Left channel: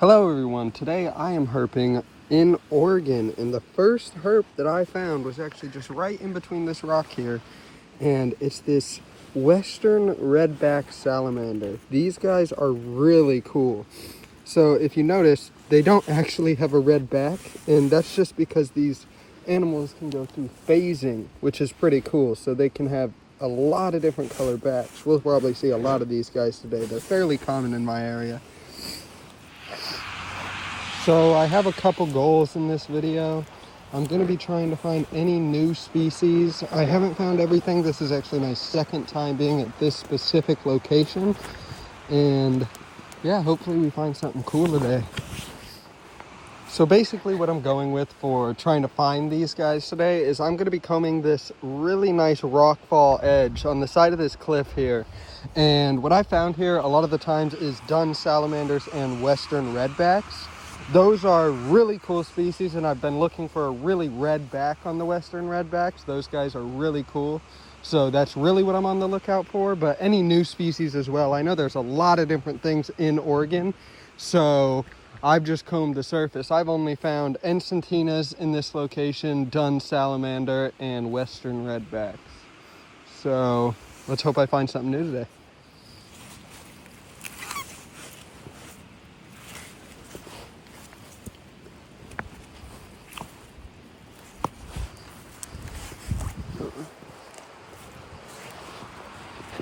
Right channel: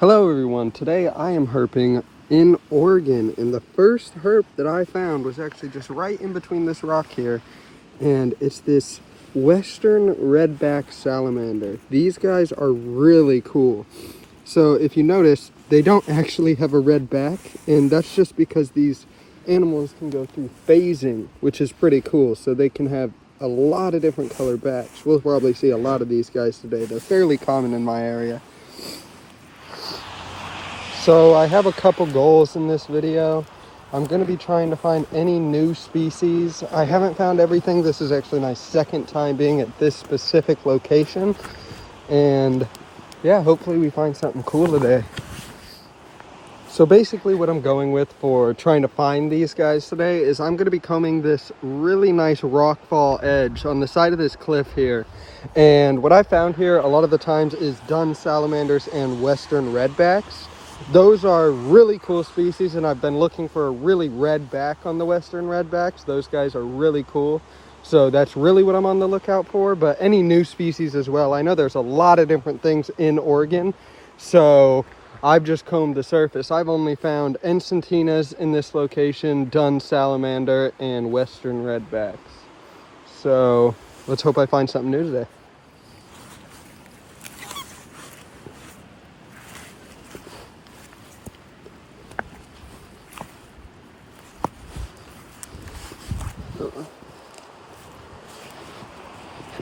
Hello everyone, today I am herping in Oregon, and the first herp that I found was actually just right in between this rock here, and it's this western redback salamander. These guys are really cool. So if you notice, they don't actually have a red back, and that's just because these animals can go through phasing, which is pretty cool. So they can have a lot of different colored backs. We'll probably see a lot of these guys today. They're fairly common in my area. So I have a couple goals in this video. I'm going to be trying to find any new species. I haven't found everything. This is actually my second time being at this specific location. And yeah, hopefully we find something cool today. So basically what I'm going with for trying to find these guys today is I'm going to be combing this really nice rockfall edge on the side of this cliff here. And what I found here a lot of the times is dun salamanders and western redbacks. Those are really cool species, and I've been looking for a really red back on the western redbacks. Those guys are really cool. So that's really what I'm on the lookout for, but any new species as well. I know there's a lot of different things in Oregon, so I've just combed the surface. I've only found encentinas in this location, dun salamander, and western redbacks. So let's hope I find something new today.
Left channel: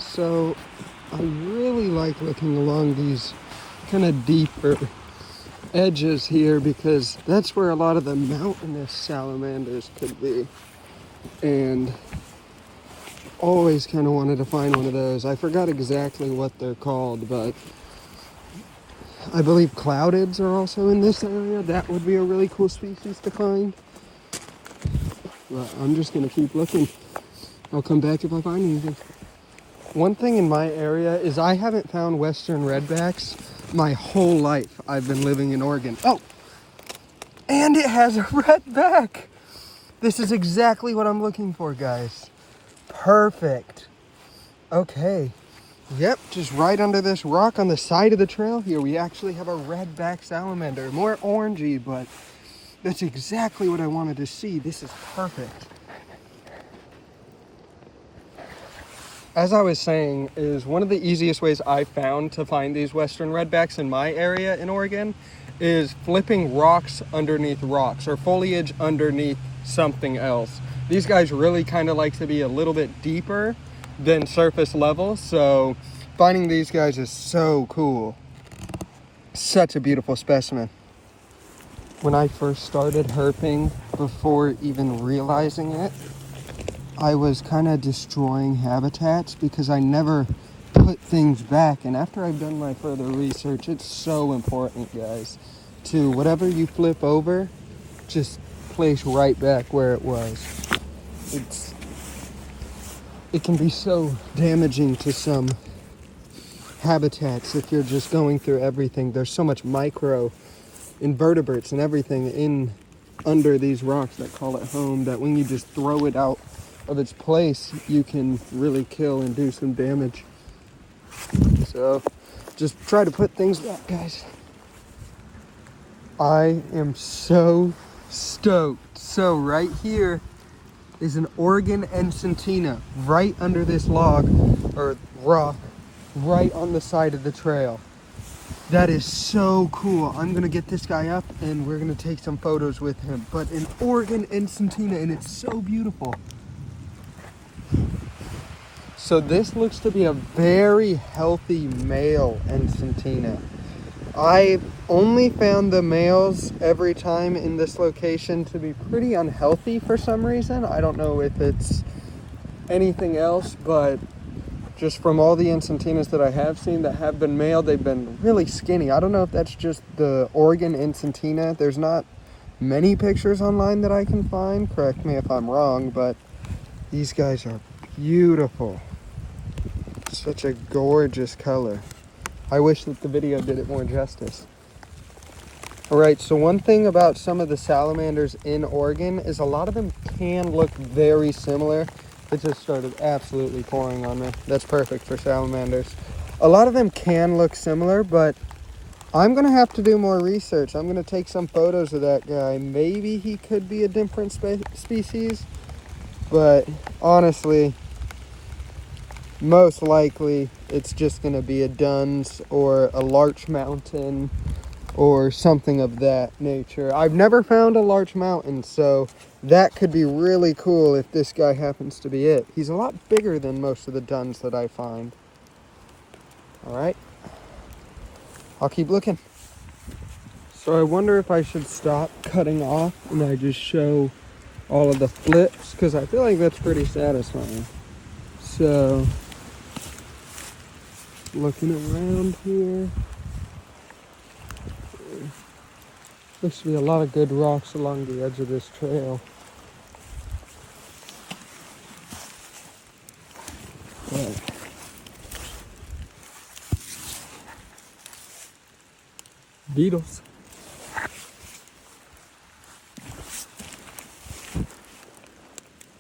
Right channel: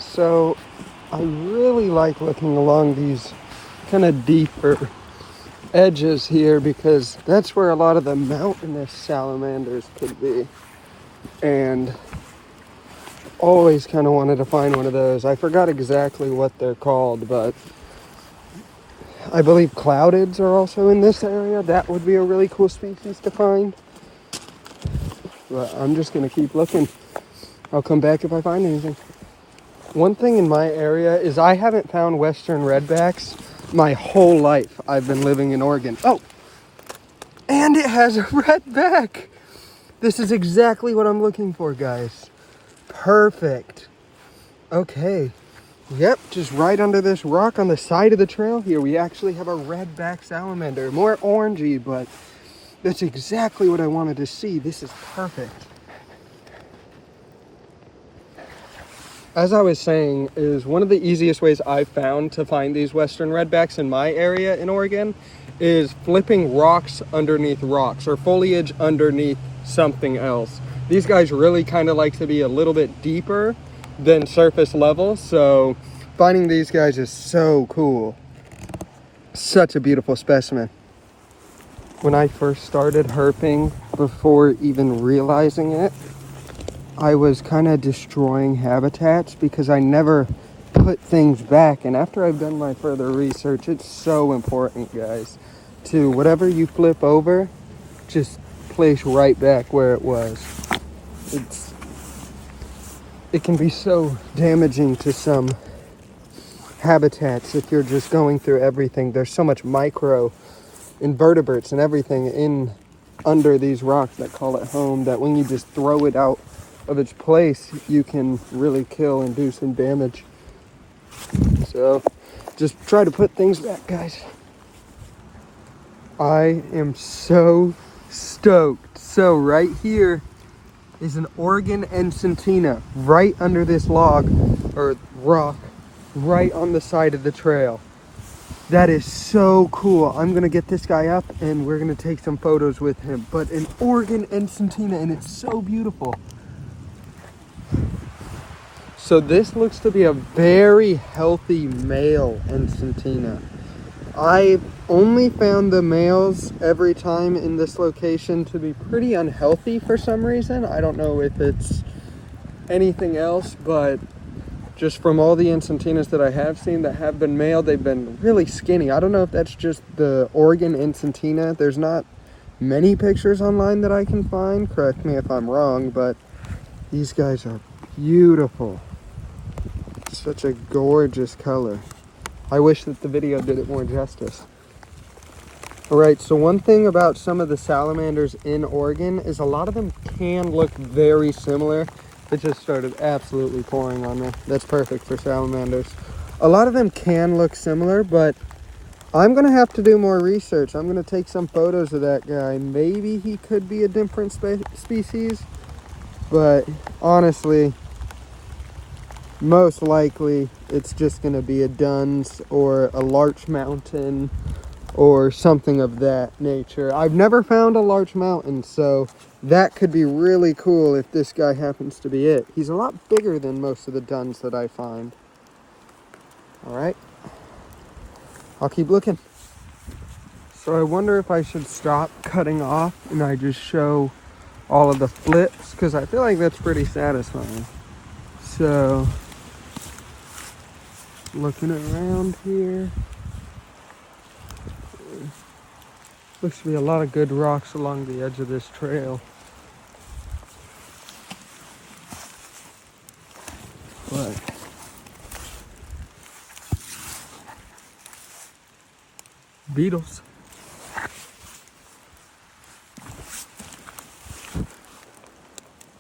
So I really like looking along these kind of deeper edges here because that's where a lot of the mountainous salamanders could be. And always kind of wanted to find one of those. I forgot exactly what they're called, but I believe cloudeds are also in this area. That would be a really cool species to find. But I'm just going to keep looking. I'll come back if I find anything. One thing in my area is I haven't found western redbacks my whole life. I've been living in Oregon. Oh, and it has a red back. This is exactly what I'm looking for, guys. Perfect. Okay. Yep, just right under this rock on the side of the trail here, we actually have a redback salamander. More orangey, but that's exactly what I wanted to see. This is perfect. As I was saying, is one of the easiest ways I've found to find these western redbacks in my area in Oregon is flipping rocks underneath rocks or foliage underneath something else. These guys really kind of like to be a little bit deeper than surface level, so finding these guys is so cool. Such a beautiful specimen. When I first started herping, before even realizing it, I was kind of destroying habitats because I never put things back. And after I've done my further research, it's so important, guys, to whatever you flip over, just place right back where it was. It can be so damaging to some habitats if you're just going through everything. There's so much micro invertebrates and everything in under these rocks that call it home that when you just throw it out of its place, you can really kill and do some damage. So just try to put things back, guys. I am so stoked. So right here is an Oregon encentina right under this log or rock right on the side of the trail. That is so cool. I'm gonna get this guy up and we're gonna take some photos with him. But an Oregon encentina, and it's so beautiful. So this looks to be a very healthy male encentina. I've only found the males every time in this location to be pretty unhealthy for some reason. I don't know if it's anything else, but just from all the encentinas that I have seen that have been male, they've been really skinny. I don't know if that's just the Oregon encentina. There's not many pictures online that I can find. Correct me if I'm wrong, but these guys are beautiful. Such a gorgeous color. I wish that the video did it more justice. Alright, so one thing about some of the salamanders in Oregon is a lot of them can look very similar. It just started absolutely pouring on me. That's perfect for salamanders. A lot of them can look similar, but I'm gonna have to do more research. I'm gonna take some photos of that guy. Maybe he could be a different species, but honestly, most likely it's just gonna be a Duns or a larch mountain or something of that nature. I've never found a larch mountain, so that could be really cool if this guy happens to be it. He's a lot bigger than most of the Duns that I find. All right, I'll keep looking. So I wonder if I should stop cutting off and I just show all of the flips, because I feel like that's pretty satisfying. So, looking around here, looks to be a lot of good rocks along the edge of this trail. But beetles.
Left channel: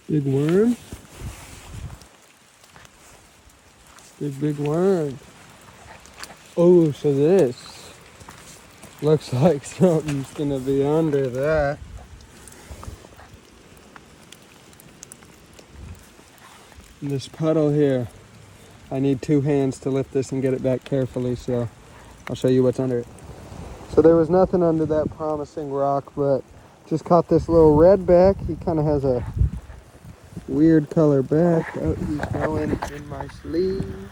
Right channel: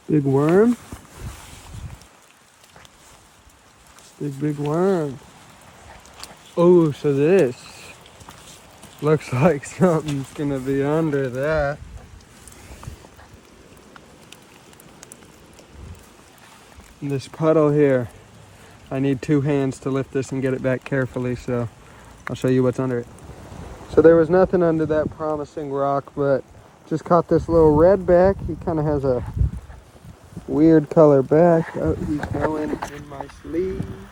Big worm. Big worm. Oh, so this looks like something's gonna be under that. And this puddle here, I need 2 hands to lift this and get it back carefully, so I'll show you what's under it. So there was nothing under that promising rock, but just caught this little redback. He kind of has a weird color back. Oh, he's going in my sleeve.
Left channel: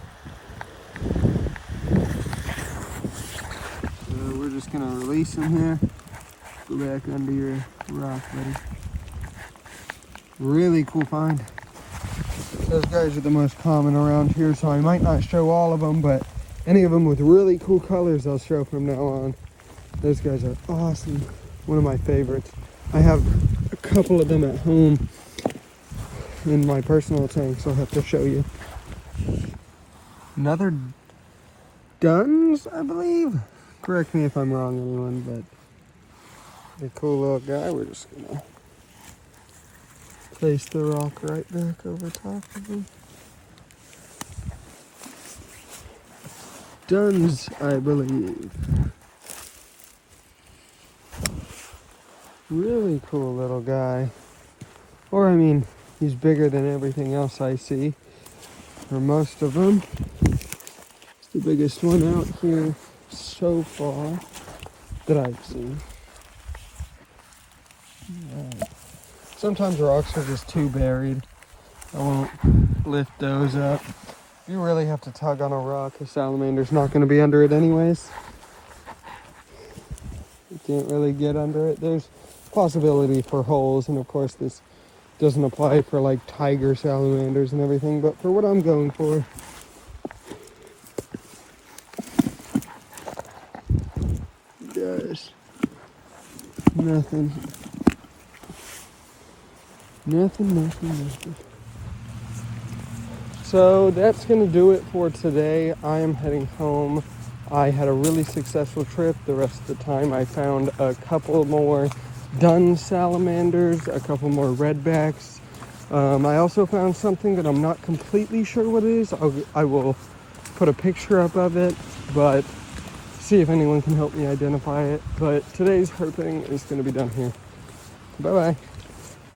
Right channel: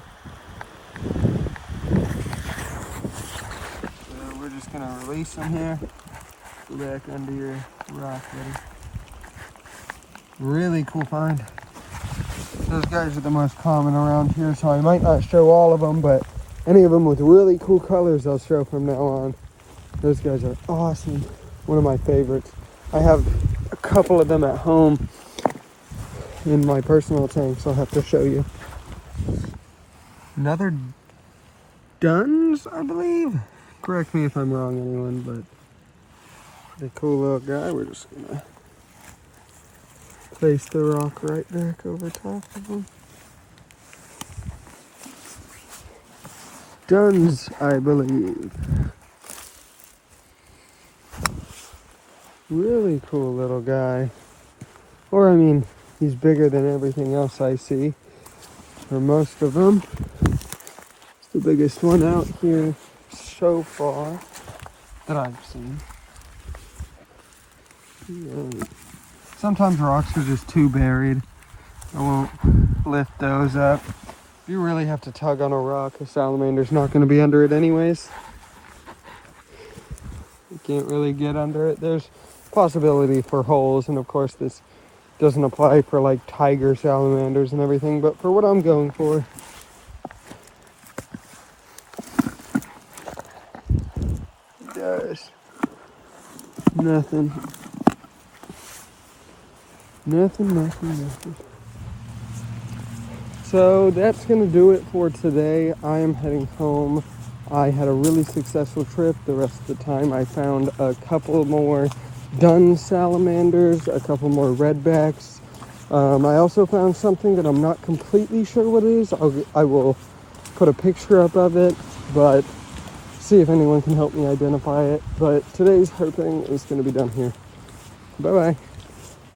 So we're just gonna release him here. Go back under your rock there. Really cool find. Those guys are the most common around here, so I might not show all of them, but any of them with really cool colors I'll show from now on. Those guys are awesome. One of my favorites. I have a couple of them at home in my personal tanks. I'll have to show you. Another Duns, I believe. Correct me if I'm wrong, anyone, but pretty cool little guy. We're just gonna place the rock right back over top of him. Duns, I believe. Really cool little guy. Or, I mean, he's bigger than everything else I see. Or most of them. It's the biggest one out here so far that I've seen. Yeah. Sometimes rocks are just too buried. I won't lift those up. If you really have to tug on a rock, a salamander's not going to be under it anyways. You can't really get under it. There's possibility for holes, and of course this doesn't apply for like tiger salamanders and everything, but for what I'm going for, guys, nothing. So that's gonna do it for today. I'm heading home. I had a really successful trip. The rest of the time I found a couple more Dun salamanders, a couple more redbacks. I also found something that I'm not completely sure what it is. I will put a picture up of it, but see if anyone can help me identify it. But today's hoping is going to be done here. Bye-bye.